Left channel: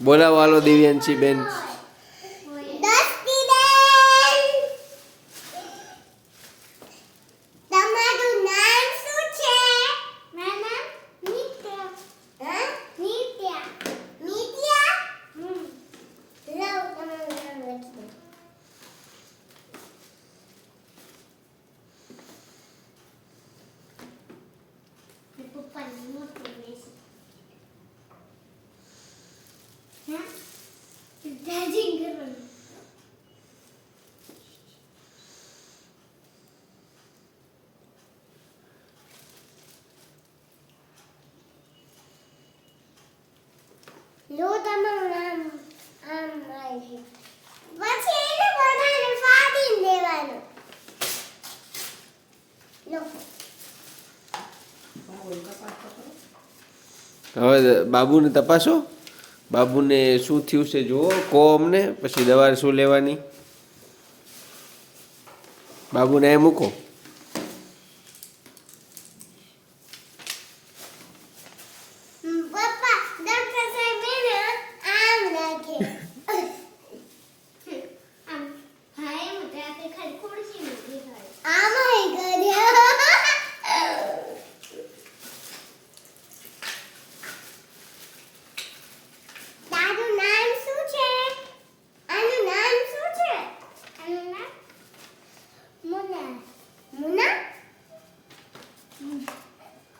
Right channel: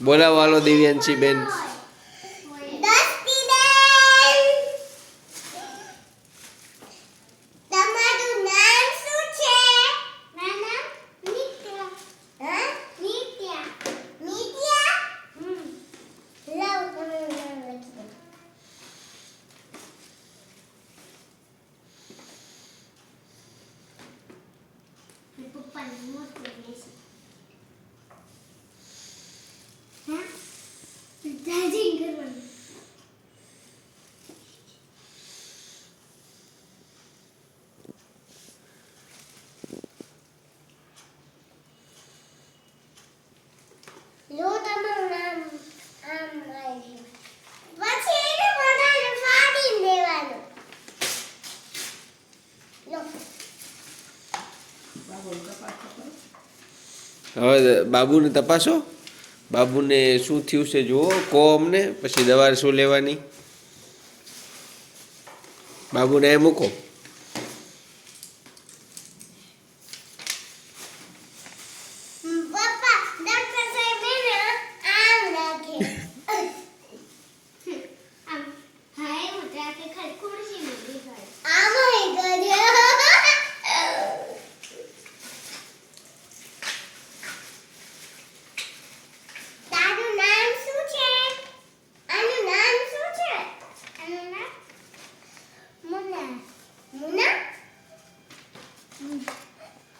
બોલાવો હાલો દિવ્યાંશી બેન. લો તમારું નામ આમ આવી પછી એને બનાવીને ફાડી દેવાનું. લો હવે બાબુને તપાસો. બાબુને શું થયું છે જુઓ, કહો અમને, પછી દવા શું લેવાની. બાબુને એ મૂકો. પપ્પા ડોક્ટર સાહેબ એને આમ રાખે આમ હાય મોટા કે ખાલી ખુરશી મૂકી હોય આમ હઈ કર્યો. તારું નામ શું છે? આનું નામ શું છે? આનું નામ મુના. મુના?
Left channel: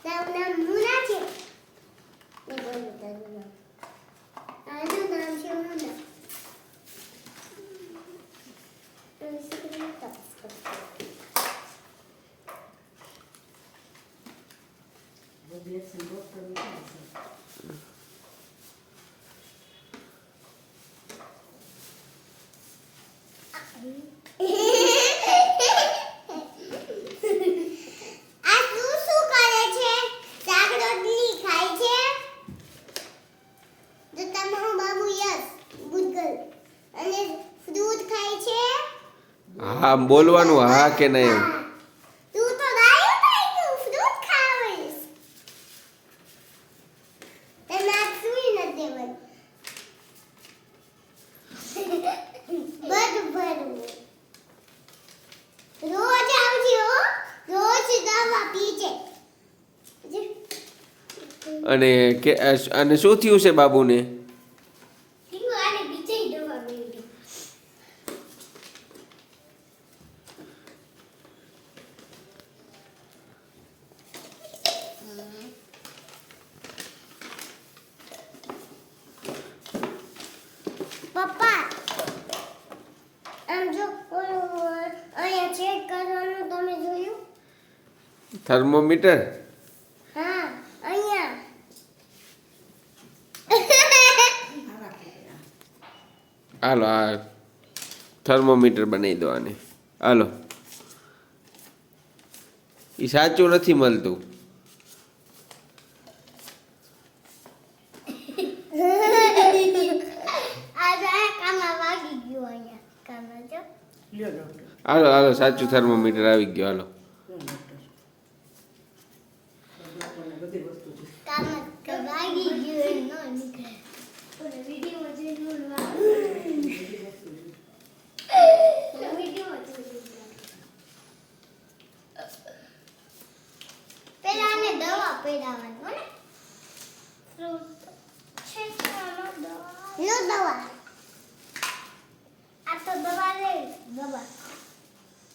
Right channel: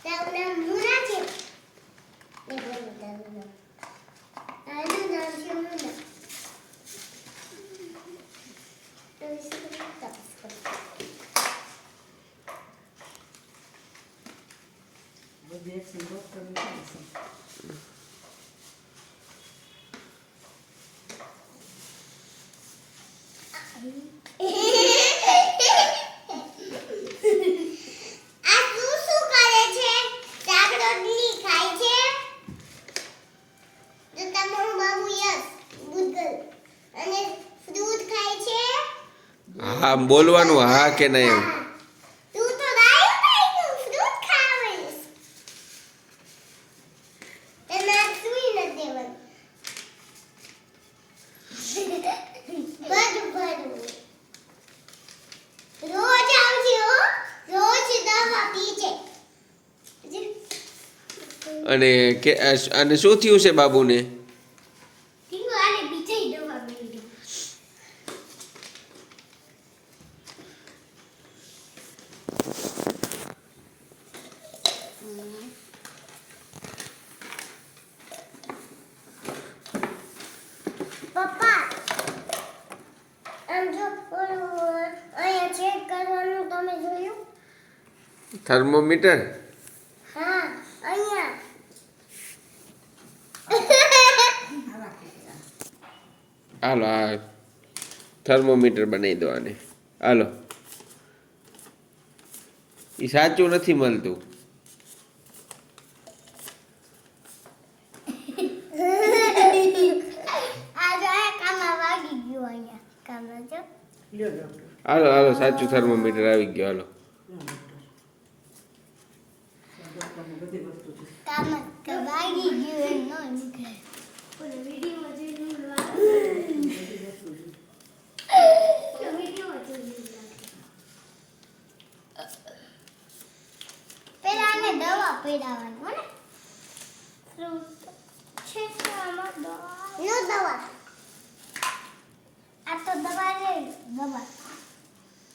તારું નામ મુના છે? એ બોલો તારું નામ. આનું નામ છે મુના. તો ઇસકો તપાસ કરો. આ શું કરે છે? શાક રોટલી ખાય છે? તો તમારું બાબુ યસ ગુડ અને ફ્રૂટ ખાય છે? હા બોલવાનું, હા કે નહીં. તું તો ગાયું ખાઈ ગયું ફ્રૂટ ખાવીશ. તને આ સુઈ નથી દેવાનું. બધું રોજ આવજે હો. રોજ દવા પીજે. અને કે અને શું થયું છે બાબુને? હિંગો આને બીજે દવા મેળવી. પપ્પા આમ જો અહીંયા ચેક કરવાનું તમે જોયું? થર્મોમીટર. હા અહીંયા. હાલો આ થર્મોમીટર બનાવી દો આને. હાલો, એ સાચું નથી મળતું. આ જો આ કાનમાં વાગી ગયું અહીંયા. કાનમાં જો. હાલો હાલો, સાચું થર્મોમીટર આવી ગયો. હાલો કાનમાં વાગી ગયું એમ ન નીકળે. ઓલો વિડીયોમાં જોઈને પેલા આને દવા પીડાવવાની હો ને. છે દવા. આ તો દવા લે.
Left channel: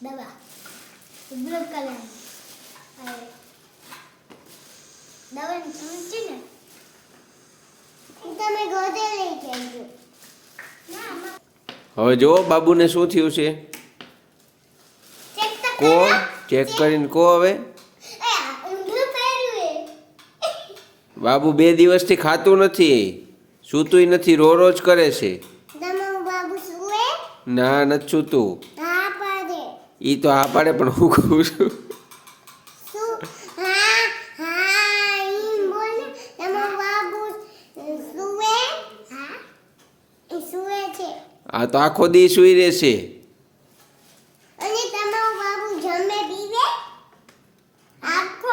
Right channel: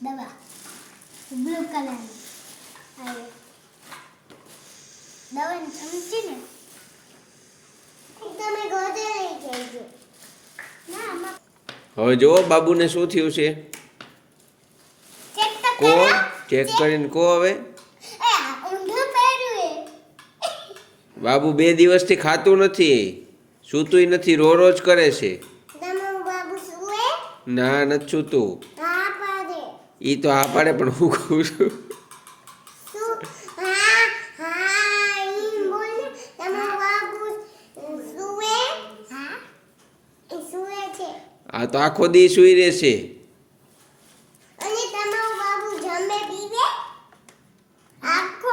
દવા બ્લુ કલર આવે. દવાની ચમચી ને તમે ગોદે લઈ જજો. ના હવે જુઓ બાબુને શું થયું છે. ચેક તો કો કરો. ચેક કરીને કો હવે. એ ઊંધું પહેર્યું એ. બાબુ 2 દિવસથી ખાતું નથી, સૂતુંય નથી, રોજ કરે છે. તમારું બાબુ સુવે? ના નથી સૂતું. હા પાડે. એ તો હા પાડે, પણ હું કહું છું શું? હા ઈ બોલ ને. તમારું બાબુ સુવે? હા એ સુવે છે. આ તો આખો દી સૂઈ રહેશે. અને તમારું બાબુ જમે પીવે? આખો